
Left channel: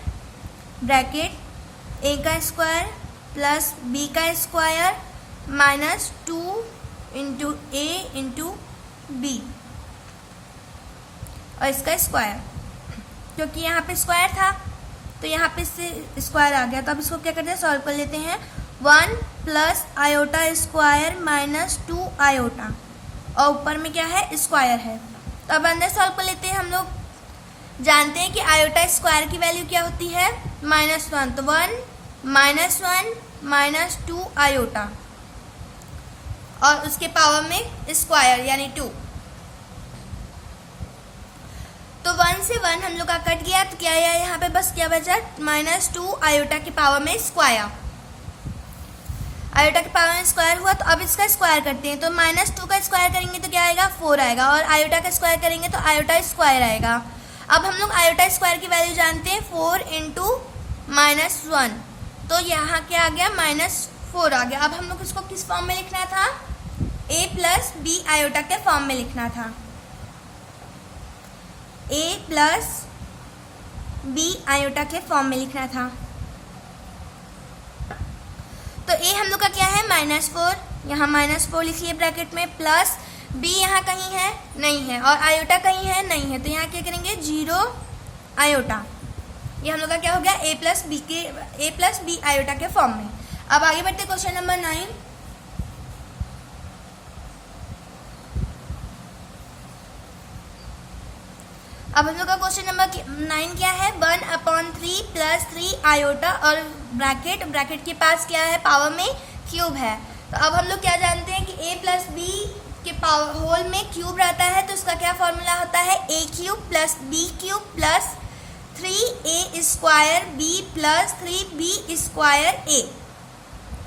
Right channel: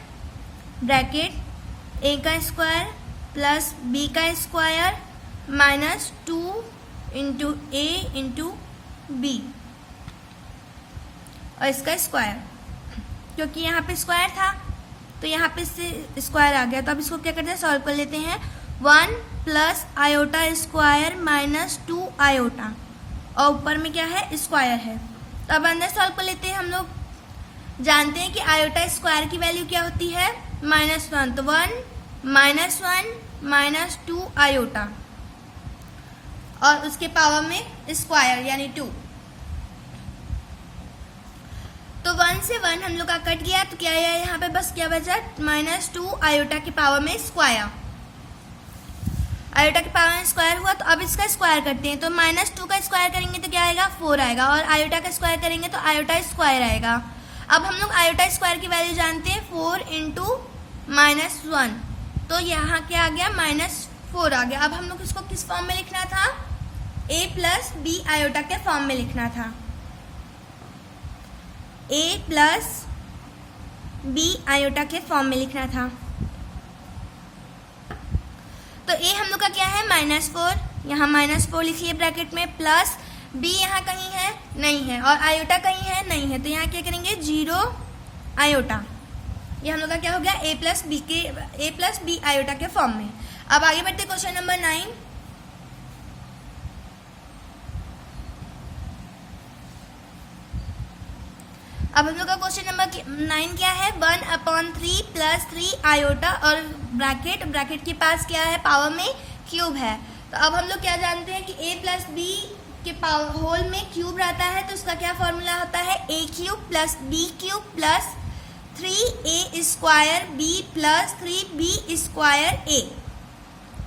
ब्रैकेट a का स्क्वायर प्लस b का स्क्वायर -2 × a × b और इसका स्क्वायर, क्योंकि यहाँ पे स्क्वायर था तो यहाँ पे इससे स्क्वायर आ गया। तो अब इसको क्या करते हैं सॉल्व कर लेते हैं। 1 + आयोटा स्क्वायर -2 आयोटा और ऊपर में क्या है स्क्वायर है। तो अब अंदर सॉल्व कर लेते हैं। हम लोग जानते हैं कि आयोटा स्क्वायर की वैल्यू क्या होती है -1, तो 1 -1 -2 आयोटा और उसके पावर में स्क्वायर यानी 2। तो 1 से 1 हम लोग का कट गया, तो क्या है यहाँ पे बस क्या बचा -2 आयोटा की पावर में स्क्वायर। आयोटा की पावर में स्क्वायर हुआ, तो अब इसका स्क्वायर करते हैं। तो -2 का स्क्वायर करेंगे तो क्या आएगा 4 आएगा, और आयोटा का स्क्वायर करेंगे तो आयोटा स्क्वायर आएगा। अब हम लोग आयोटा स्क्वायर की वैल्यू जानते हैं 4 × -1, तो यहाँ क्या आ गया -4 आ गया। अब हम लोग इसको किस फॉर्म में लिखना था a + b आयोटा के फॉर्म में लिखना था, a + b आयोटा के फॉर्म में लिखना था। तो a हम लोग का क्या है -4, यहाँ -4 लिख लिए ब्रैकेट में, प्लस b यहाँ कहीं है नहीं है, और आयोटा कहीं है नहीं है, तो यहाँ क्या करेंगे 0 आयोटा। ये हम लोग का क्या हो गया a + b आयोटा के फॉर्म में। अब आगे बढ़ते क्वेश्चन नंबर 9। अब हम लोग का क्वेश्चन नंबर 9 क्या है 1/3 + 3 आयोटा और ब्रैकेट के पास क्या है पावर में क्यूब है। तो अब हम लोग क्या जानते हैं कि a + b के पावर होल में क्यूब रहता है, तो उसका क्या फॉर्मूला होता है a³ + b³ + 3a² b + 3b² a।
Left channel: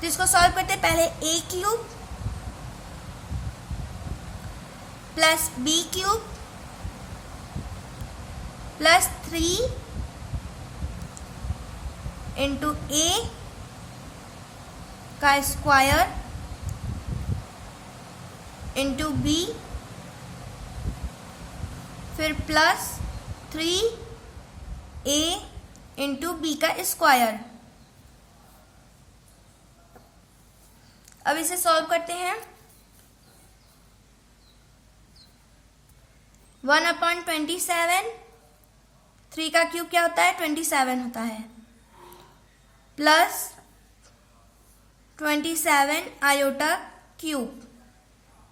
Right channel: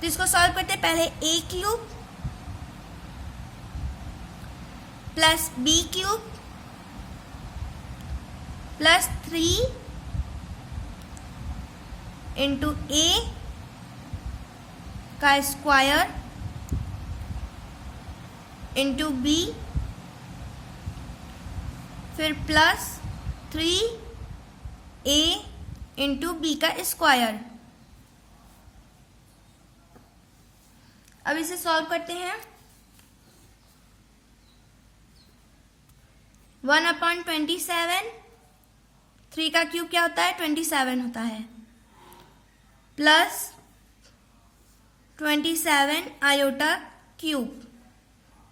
तो इसको सॉल्व करते हैं, पहले a³ + b³ + 3 × a का स्क्वायर × b, फिर प्लस 3a × b का स्क्वायर। अब इसे सॉल्व करते हैं। 1/27, 3 का क्यूब क्या होता है 27 होता है, प्लस 27 आयोटा क्यूब,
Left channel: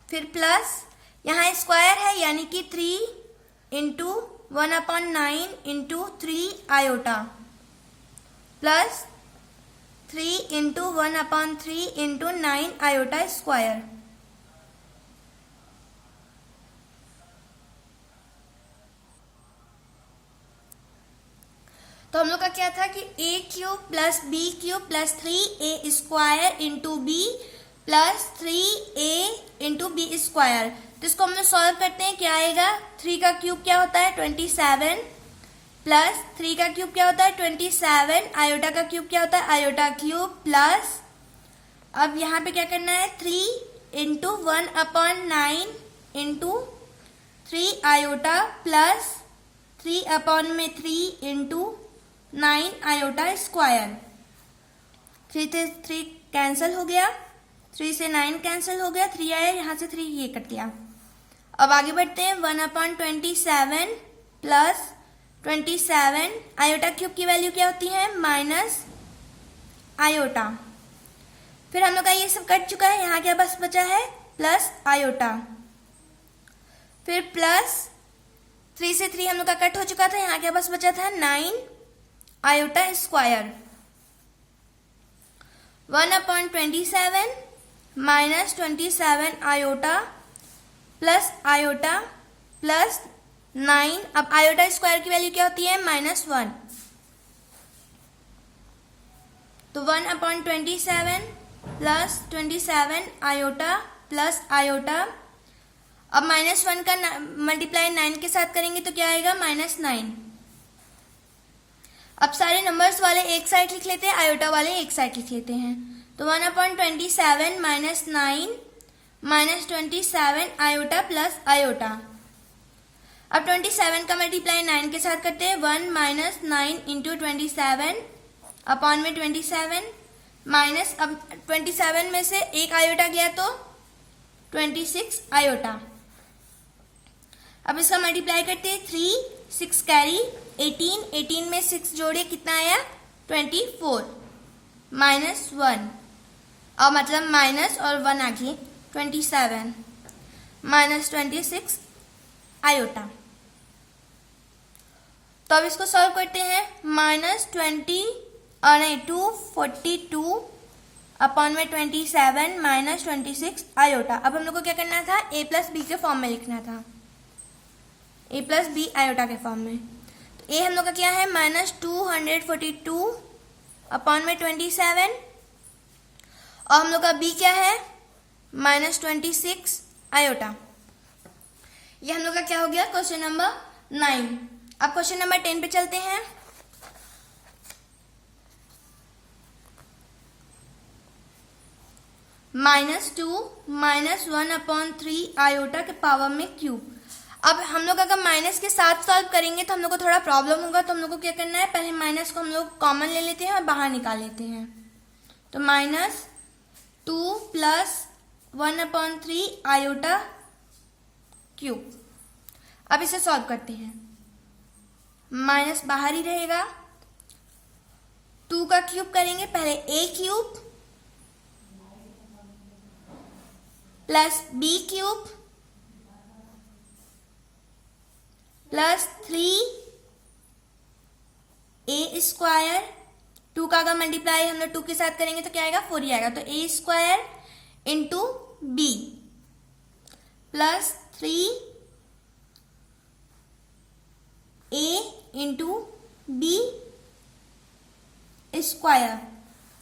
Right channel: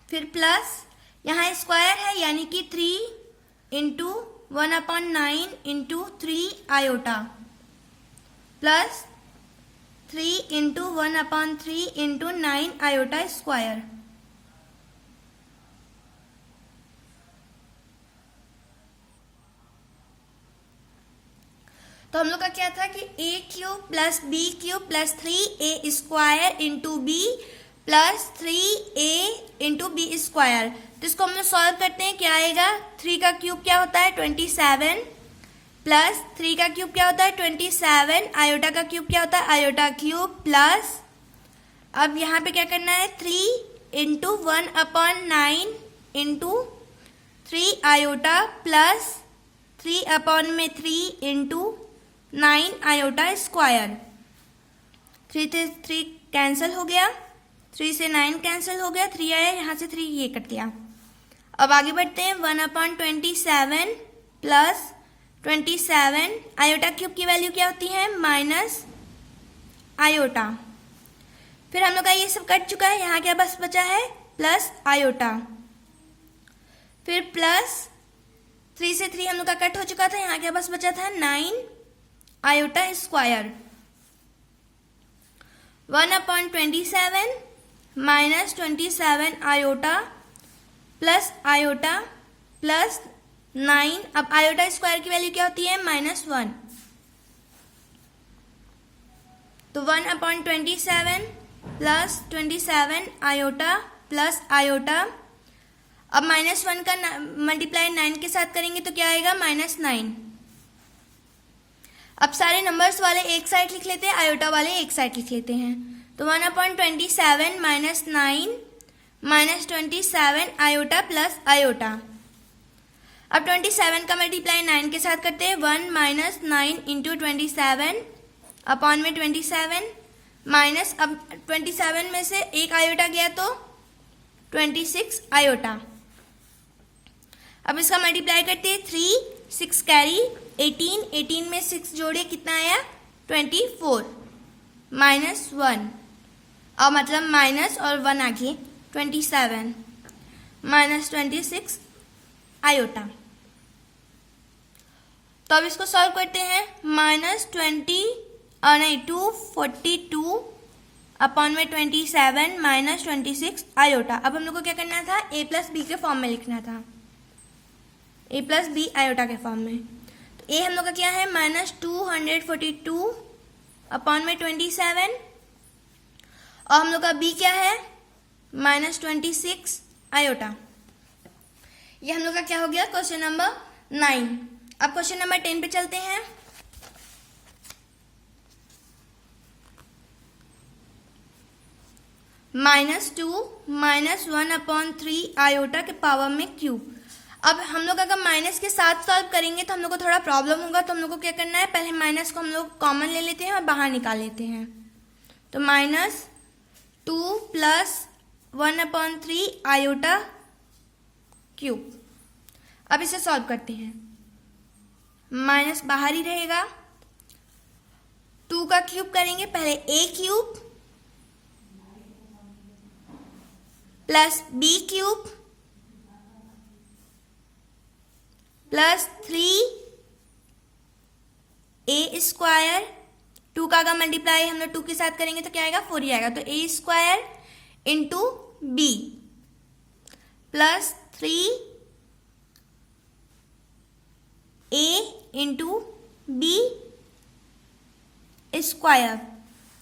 फिर प्लस यहाँ स्क्वायर है यानी कि 3 × 1/9 × 3 आयोटा, प्लस 3 × 1/3 × 9 आयोटा स्क्वायर। तो हम लोग का क्या था कि A cube plus B cube plus 3a square into B plus 3a into B square. तो इसको हम लोग सॉल्व करते हैं, क्या आएगा, 3 का क्यूब क्या होता है 27 प्लस 3 का क्यूब क्या होता है 27, आयोटा का क्यूब क्या होता है आयोटा क्यूब प्लस, अब यहाँ पे क्या करना है 3 into 1/9 into 3 iota plus 3/3 into 9 iota square. 3 से 3 कैंसिल हो गया, 3 से 9 कैंसिल हो गया, 3 आया, यहाँ से 3 ये कट गया। अब आगे बढ़ते हैं, 1/27 प्लस 27, आयोटा क्यूब की वैल्यू क्या होती है माइनस आयोटा। फिर हम लोग का ये सब कट चुका है, यहाँ क्या बस बचा है प्लस आयोटा। फिर प्लस 3 से 3 हम लोग का कट हो चुका था, यहाँ क्या बस बचा था 9 iota square. 1/27 minus 27 iota plus 9, अब आयोटा स्क्वायर की वैल्यू क्या होती है -1, तो 1/27 प्लस 27 आयोटा प्लस आयोटा। अब -1 का मल्टीप्लाई 9 के साथ करेंगे तो क्या आएगा -9। अब सारे नंबर्स वाले एक साइड लिख लेते हैं, आयोटा वाले एक साइड लिख लेते हैं। तो 1/27 minus 9 minus 27 iota plus iota. अब 27 का मल्टीप्लाई 9 के साथ करते हैं, 1 माइनस 9 इंटू 27 अपॉन में 27 माइनस, अब 27 में से एक आयोटा गया तो 26 आयोटा। अब इसका मल्टीप्लाई करते हैं, 3 6 कैरी 18 में 6 जोड़े कितना आया 24 -1, और मतलब माइनस और 1 आगे 27 माइनस 26 आयोटा। तो अब इसको सॉल्व करते हैं, -242 अपॉन में 27 माइनस 26 आयोटा। अब हम लोग को क्या करना था, a प्लस बी के फॉर्म में लिखना था, a प्लस बी आयोटा के फॉर्म में। तो a हम लोग का क्या है -242 अपॉन में 27, और हम लोग का b क्या है -26 आयोटा। ये हम लोग का क्या हो गया क्वेश्चन नंबर 9। अब क्वेश्चन नंबर 10 पे चलते हैं। -2 -1/3 आयोटा के पावर में क्यूब। अब हम लोग अगर माइनस के साथ सॉल्व करेंगे तो हम लोग को थोड़ा प्रॉब्लम होगा, तो हम लोग को क्या करना है, पहले माइनस को हम लोग कॉमन ले लेते हैं और बाहर निकाल लेते हैं। तो -2 प्लस 1/3 आयोटा क्यूब। अब इसे सॉल्व करते हैं, माइनस बाहर ही रहेगा, 2 का क्यूब करेंगे, पहले a cube plus b cube plus 3a square. 2 का अगर मल्टीप्लाई हम लोग 2 के साथ करेंगे तो क्या आएगा 4 ही आएगा, तो a square into b plus 3a into b square.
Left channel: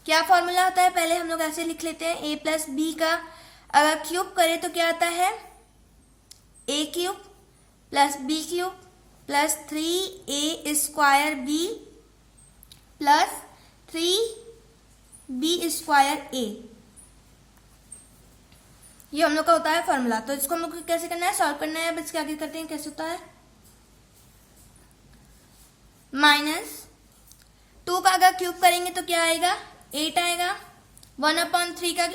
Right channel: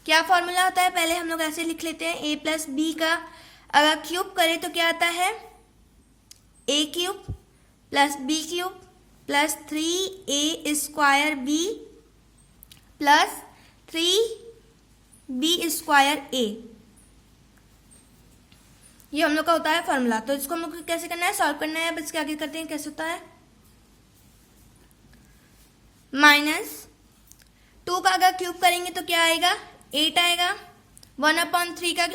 क्या फॉर्मूला होता है, पहले हम लोग ऐसे लिख लेते हैं, a प्लस बी का अगर क्यूब करें तो क्या आता है a cube plus B cube plus 3a square b plus 3b square a। ये हम लोग का होता है फॉर्मूला। तो इसको हम लोग को कैसे करना है, सॉल्व करना है। अब इसके आगे करते हैं, कैसे होता है, -2 का अगर क्यूब करेंगे तो क्या आएगा 8 आएगा, 1/3 का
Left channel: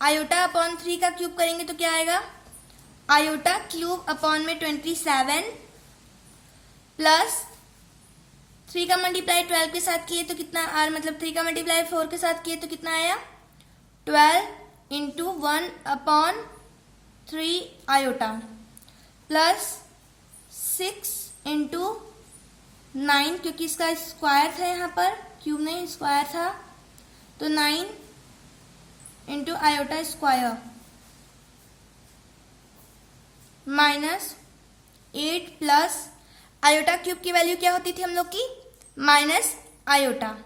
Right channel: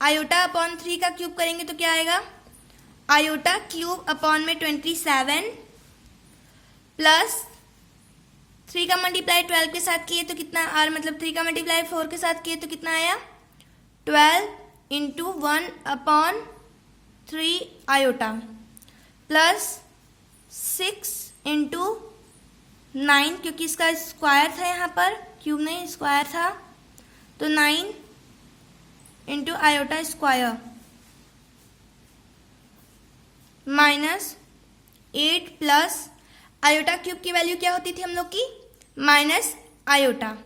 आयोटा अपॉन 3 का क्यूब करेंगे तो क्या आएगा आयोटा क्यूब अपॉन में 27 प्लस 3 का मल्टीप्लाई 12 के साथ किए तो कितना, और मतलब 3 का मल्टीप्लाई 4 के साथ किए तो कितना आया 12 इंटू 1/3 आयोटा प्लस 6 इंटू 9, क्योंकि इसका स्क्वायर था यहाँ पर, क्यूब नहीं स्क्वायर था, तो 9 into iota square -8 plus iota cube की वैल्यू क्या होती थी हम लोग की माइनस आयोटा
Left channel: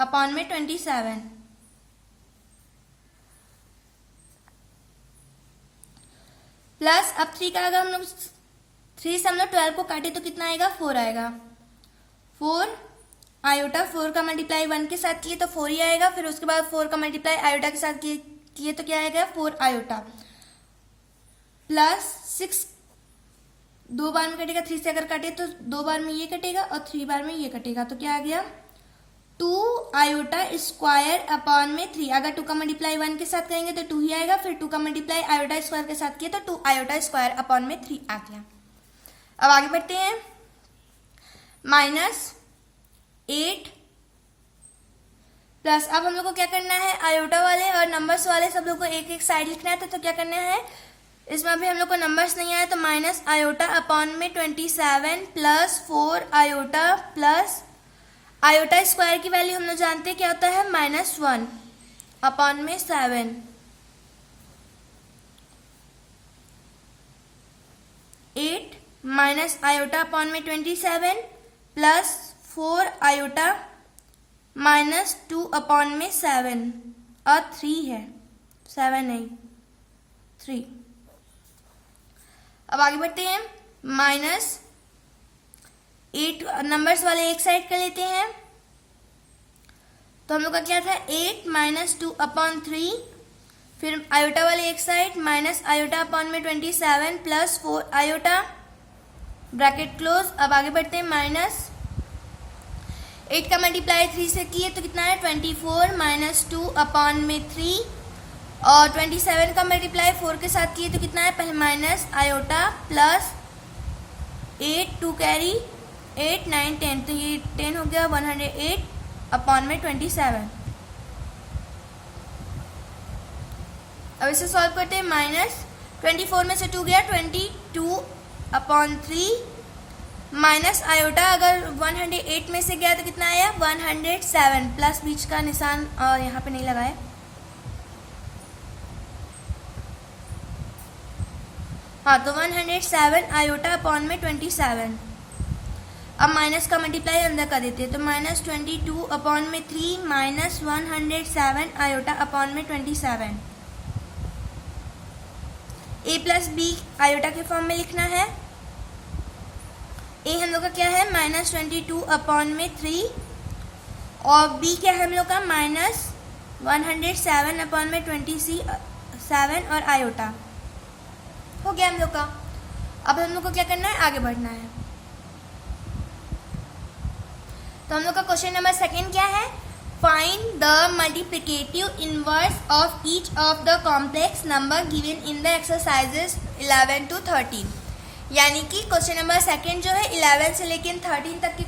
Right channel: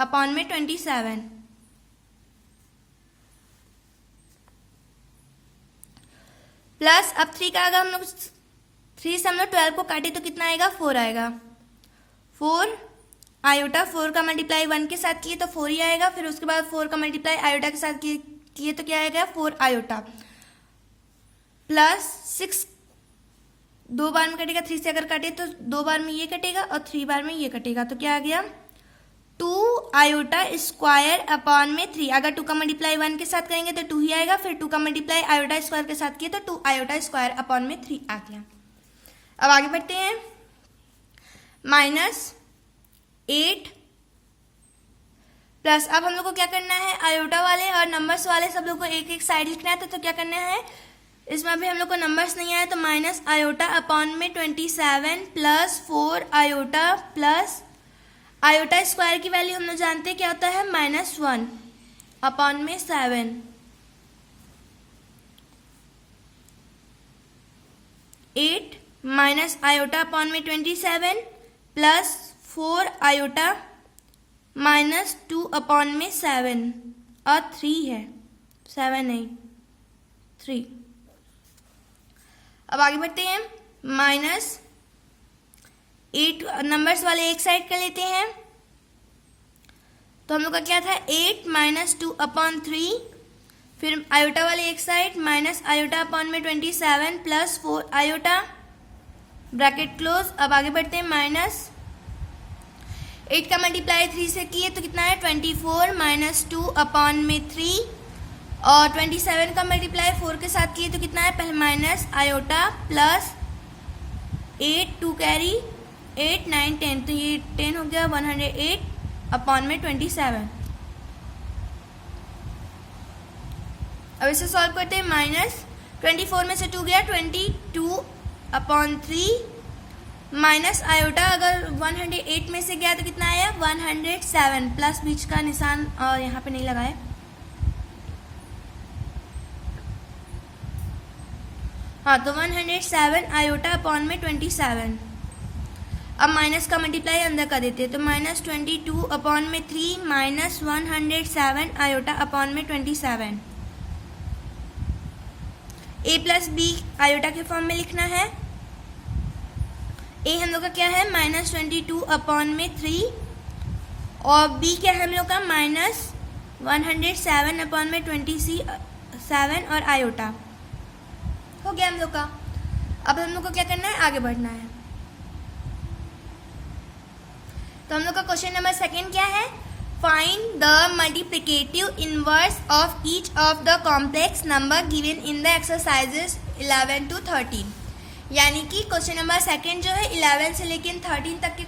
अपॉन में 27 प्लस, अब 3 का अगर हम लोग 3 से हम लोग 12 को काटे तो कितना आएगा, 4 आएगा। 4 आयोटा, 4 का मल्टीप्लाई 1 के साथ किए तो 4 ही आएगा। फिर उसके बाद 4 का मल्टीप्लाई आयोटा के साथ किए तो क्या आएगा, 4 आयोटा प्लस 6 2 बार में कटेगा। 3 से अगर काटे तो 2 बार में ये कटेगा और 3 बार में ये कटेगा, तो क्या आ गया 2 आयोटा स्क्वायर अपॉन में 3। अगर 2 का मल्टीप्लाई 1 के साथ करेंगे तो 2 ही आएगा। फिर 2 का मल्टीप्लाई आयोटा स्क्वायर के साथ किए तो 2 आयोटा स्क्वायर अपॉन में 3 आ गया। अब आगे बढ़ते हैं, माइनस 8 प्लस, अब हम लोग को क्या करना है, आयोटा वाले और नंबर्स वाले सब लोग को एक एक साइड लिखना है। तो क्या करना है, इसमें अभी हम लोग को नंबर्स नहीं आए तो माइनस आयोटा अपॉन में 27 plus 4 iota plus iota square की वैल्यू हम लोग जानते हैं क्या होता है, -1 अपॉन में 7 8 माइनस आयोटा अपॉन में 27 प्लस 4 आयोटा -2 अपॉन में 7 और 3 है, 7 नहीं 3। अब आगे बढ़ते हैं, -8 नंबर्स वाले एक साइड कर लेते हैं। तो हम लोग का क्या था, 8 -2 अपॉन 3, फिर आयोटा वाले एक साइड माइनस आयोटा अपॉन में 27 प्लस 4 आयोटा ब्रैकेट क्लोज। अब आगे बढ़ते हैं, -8 का मल्टीप्लाई 3 से किए तो कितना है 24 -2 अपॉन में 3 और 27 का मल्टीप्लाई 4 के साथ किए तो कितना है, पहले माइनस आयोटा प्लस 8 2 कैरी 8 9 10, तो ये 10 हो गया 108 अपॉन में 27। अब इसे सॉल्व करते हैं, -24 में से 2 गया 22 अपॉन 3 माइनस आयोटा अगर 108 में से गया तो कितना आया 107 प्लस बीच का निशान और यहाँ पे नहीं लगाया। हाँ, तो 107 आयोटा अपॉन में 27। अब माइनस का मल्टीप्लाई अंदर कर देते हैं तो -22 अपॉन में 3 माइनस 107 आयोटा अपॉन में 27। a प्लस बी आयोटा के फॉर्म में लिखना है। a हम लोग का क्या है -22 अपॉन में 3 और b क्या है हम लोग का -107 अपॉन में 27 और आयोटा हो गया हम लोग का। अब हम लोग को क्या करना है, आगे बढ़ना है। तो हम लोग का क्वेश्चन नंबर 2 क्या है, find the multiplicative inverse of each of the complex number given in the exercises 11 to 13। यानी कि क्वेश्चन नंबर 2 जो है 11 से लेकर 13 तक के